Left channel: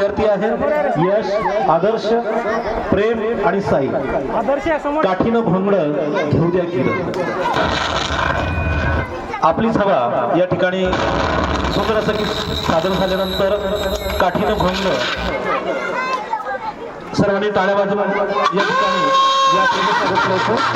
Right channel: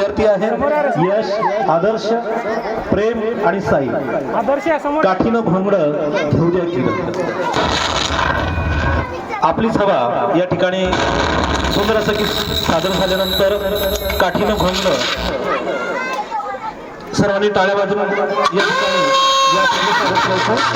विद्यार्थी आहेत यश, आदर्श, प्रेम आणि साई। काठीनं घोंगडं घेऊ द्या किरण। आपलीच हवा या ठिकाणी सुंदर असं की सादर झाल्यानंतर काठीनं घोंगडं सर्वांनी टाळ्या वाजवून या ठिकाणी या प्रवेशात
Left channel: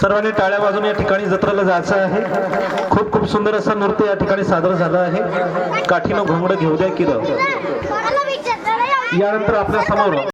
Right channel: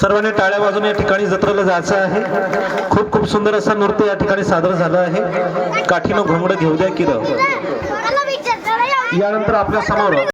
सर्वांनी टाळ्या वाजवून या ठिकाणी जत्रेला जायचं आहे। खूप खूप सुंदर असं नृत्य या ठिकाणी सादर झालं आहे। काठीनं घोंगडं घेऊ द्या किरण। यानंतर आपल्या समोर